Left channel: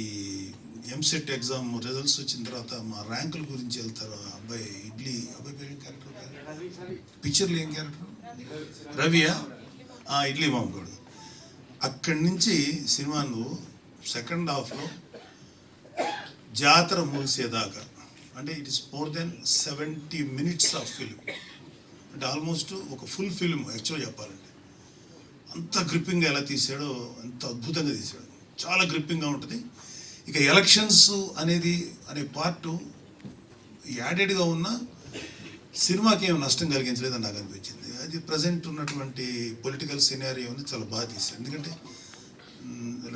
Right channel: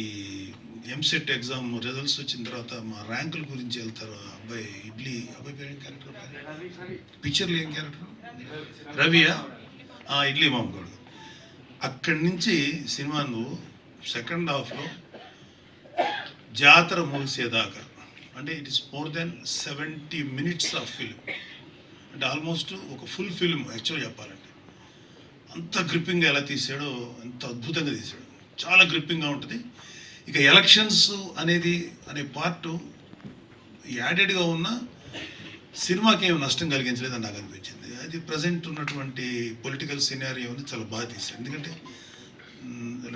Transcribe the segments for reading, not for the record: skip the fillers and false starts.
ఈ EAMCET exam results వచ్చిన తర్వాత మా ర్యాంకుల గురించి వెళ్తారు. అబ్బాయి ఇడ్లీ అబ్బాయి పేరు క్యారెక్టర్ పిక్చర్లు ఏం క్యారెక్టర్ రవియా ఇడ్లీ మామూడు. అక్కడి నుంచి సినిమా నువ్వు సెకండ్ హాఫ్లో జాతర ముగిసేదాకా అంటే it is more than 70 minutes of film. అంటే ఆల్మోస్ట్ ఒక ఫుల్ ఫిల్మ్ యాక్చువల్ చెప్పాలంటే అంత గ్రిప్పింగ్గా ఎలా తీసాడో, అంత అద్భుతంగా తీసాడు. చాలా గ్రిప్పింగ్గా ఉంటుంది. ఇక ఎలక్షన్స్ అనే పార్ట్ యాడెడ్గా ఉన్న సినిమాకి ఏమి నష్టం కలిగించలేదని నాకు అనిపించింది. అది ప్రజెంట్ ఉన్నటువంటి పొలిటికల్ సినారియోని చాలా బాగా తీశారు. ఎందుకంటే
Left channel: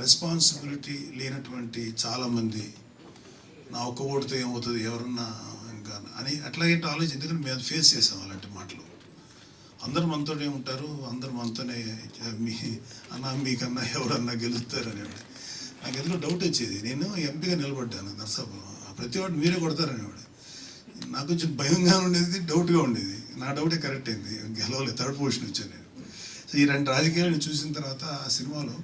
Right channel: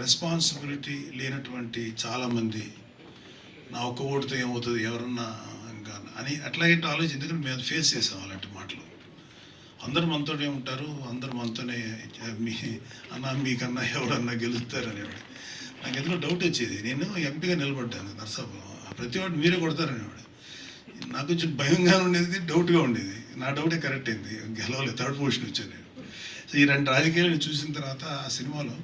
రెస్పాన్సిబిలిటీ లేనటువంటి చాలామంది నా ఒక్క ఓటుతో ఏమవుతుంది ఎవరన్నా ఇంకా అని అట్లాగే ఆలోచించి, ఎందుకంటే మేము ఫేస్ చేసాం అలాంటి మాటలు. అందరు మనతోనే ఉంటారు, అందరు మనతోనే మీకన్నా ఎవరన్నా గెలుస్తారు అనేవాడు. నాకు ఎందుకో డౌట్ వచ్చేది. నేను ఎంపీగా నిలబడ్డాను నర్సాపురం, ప్రతి వాడు మీరే కొడతారనేవాడు. నాకు కొంచెం భయంగా ఉండేది, డౌట్గా ఉండేది. నా డౌటే కరెక్ట్ అయింది, గెలవలేదు, థర్డ్ పొజిషన్ వచ్చాను నేను. సో ఈ రెండు రాజకీయాలను చూసిన తర్వాత ఆ సినిమాలో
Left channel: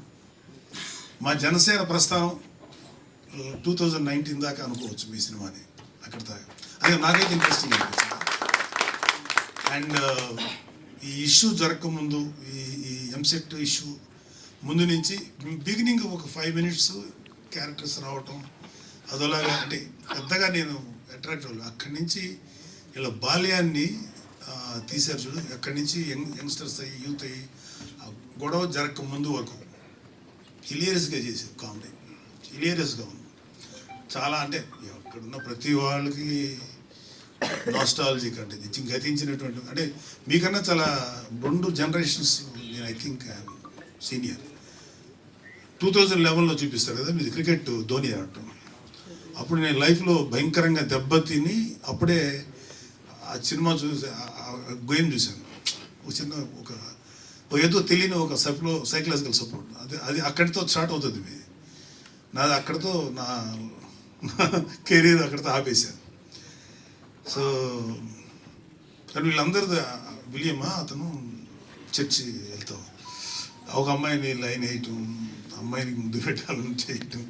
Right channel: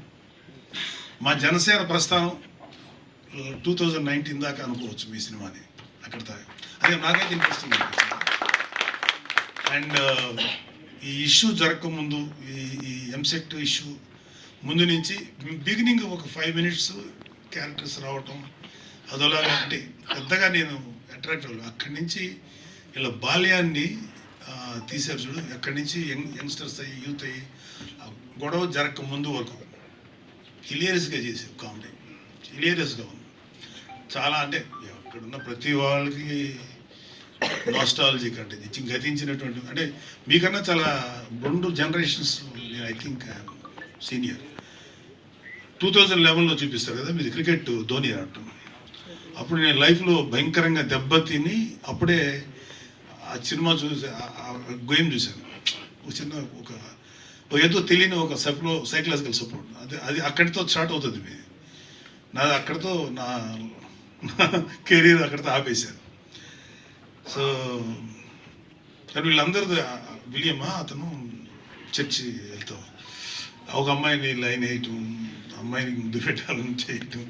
మా జనసేన ప్రస్థానం 2019 దాకా అనుకోవచ్చు మీ సినిమాని. అక్కడ అదే నాకైతే ఇంట్రెస్టింగ్ అనిపించింది. అండ్ ఈ ఇష్యూ జరగకముందు, ఈ ఎంసెట్ ఇష్యూ ముందు నుంచి బిగినింగ్ ఒక 5 minutes క్యారెక్టర్స్ రావటం అదోలాగా అంటే పెద్దగా నేను అట్రాక్ట్ అవ్వలేదు. అక్కడి నుంచి ఇలా బాల్యాన్ని తీశారు చూడు. అక్కడి నుంచి యంగ్స్టర్స్ అయ్యి యూత్ అయ్యి గొడవ జరగక ముందు వరకు హిలియరస్గా చేశారు. కామెడీ హిలియరస్గా ఉంది చాలా. అంటే ఇక్కడున్న ప్రతి వాళ్ళకి నాస్టాలజిక్ అంటే గతించినటువంటి, అంటే మీకన్నా చాలా 2 generations నేను ఐ థింక్ సీనియర్. 2011లో చూపిస్తారు కదా మీది క్రికెట్ ధోని ఆడటం. అప్పుడు నేను లైఫ్లో భయంకరంగా దెబ్బతిని అప్పుడే ఆ సినిమా చూసి గేమ్ చూశాను. ఒక చిన్న ఒక ఏదో తెలియని ఒక సైకలాజికల్ సపోర్ట్ అది అక్కడితో స్టార్ట్ అవుతుంది మీది. నాది అక్కడితో నా కెరీర్ అక్కడితో ఆపేశాను. సో కానీ వీళ్ళందరూ విలియమ్మా అతను చర్చి వెళ్తాం, ఒక అమ్మాయిని లైన్ వేయటం, అమ్మాయిని ముందు పెట్టాలని చేయటం.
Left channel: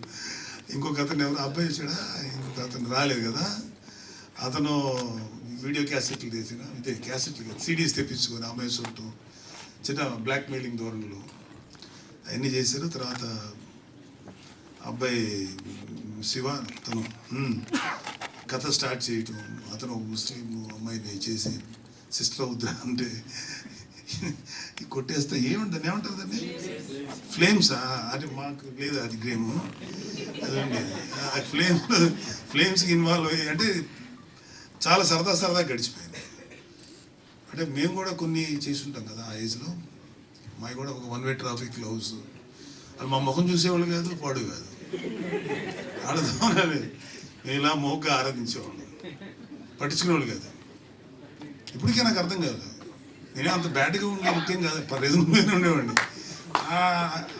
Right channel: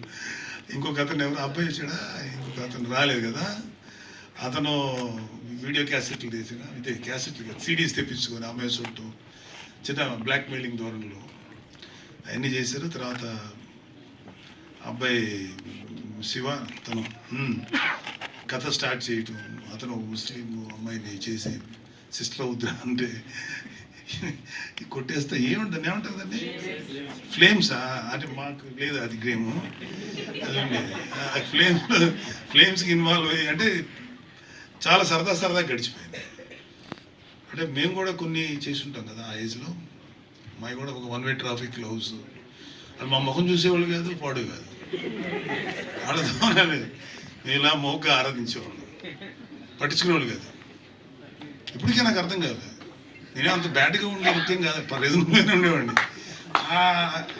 ఇంకొక అతను ఎవరు అబ్బాయి వచ్చాడా, ఇంకొక అతను రాలేదు కదా, అతను వీడియో క్యాసెట్లు తీసిన క్యాసెట్లు సిడీస్ తెప్పించుకొని అమ్మాయి చుట్టూ చిన్న బ్లాక్ మెయిలింగ్ ధోరణిలో అవన్నీ చేశారు. తర్వాత అబ్బాయి శివ తను కథ స్టార్ట్ చేయటం, అతను ఒక ముస్లిం అమ్మాయిని చేసి సిస్టర్ అవుద్దా అంటే కొట్టేస్తే ఏముంటుంది, ఏమంటుందండి ఫ్లేమ్సా అంటే మాకు లేదు అది గేము, అది ఉండేది ఫ్లేమ్స్కి ఇన్వాల్వ్ అయ్యి అంటే చాలా సరదా గడిచిపోయింది. అంటే మేము కూడా కొన్ని చేసి ఉంటాం కదా ఆ ఏజ్లో. మాకు కూడా ఒక 1-way ట్రాఫిక్ హౌస్, అది మా ముఖం చూసేవాళ్ళు కాదు, పాడు కాదు, వాళ్ళతో నేను ఇలా మోగ్గా ఆరాధించేవాళ్ళు, పట్టించుకునేవాళ్ళు కాదు. ఇప్పటికే నాకు అర్థం కాదు, నేనే అంత బ్యాడ్గా ఉండే ముఖ్యం కాదు, రీజనబుల్గానే ఉండేవాడిని. ఆ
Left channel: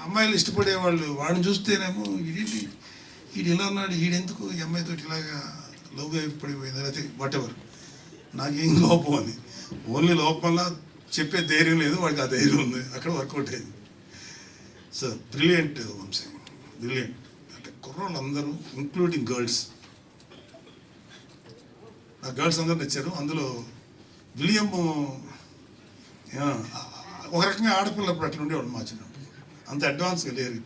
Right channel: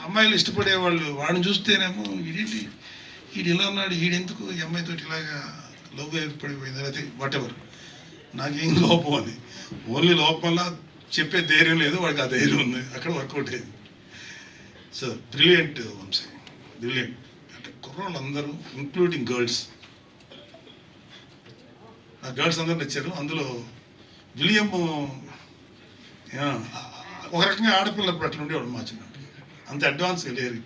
అమ్మాయిలు ఇష్టపడేవాళ్ళు, వాడిని చూస్తేనేమో వీడు ఇలా ఉన్నాడు, వీడెందుకు ఈ అమ్మాయితో ఇలాగా లవ్ ఏర్పడిపోయింది అయితే వాట్ ఎవర్, నాకేం లోపం అని. ఓన్లీ లోపంలా చెప్పే ధైర్యం లేదు, వాడికి ఆ ధైర్యం ఉంది, అక్కడ వర్కౌట్ అయింది. So brilliant Vamshi, brilliant. అంటే కుర్రోళ్ళు అందరూ ఇంక్లూడింగ్ గర్ల్స్, ఆ గర్ల్స్ అందరూ నచ్చారు. అందులో విలియం ఒక రకంగా ఆడపిల్లప్పుడు అట్లా ఉండేవాడు మా చిన్నప్పుడు, అంత అడ్వాన్స్గా లేరు.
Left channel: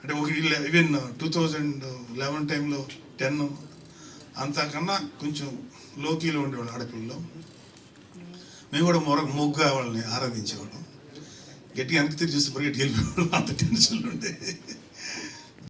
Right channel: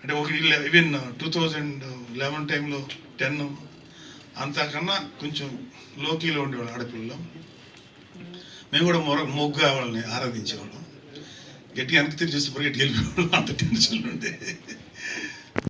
అంటే ఒక ఈవెన్ 2011 టైంలో 10 అంతకన్నా కొంచెం లోకీలో ఉండేవాళ్ళు ఆడపిల్లలు. మేము కూడా మొగ్గా వాళ్ళని ఆరాధించేవాళ్ళం. గట్టిగా వెనక్కి తిరిగి చూస్తే పరిగెట్టి వెళ్ళిపోయేవాళ్ళం, అంత టెన్షన్లు ఉండే.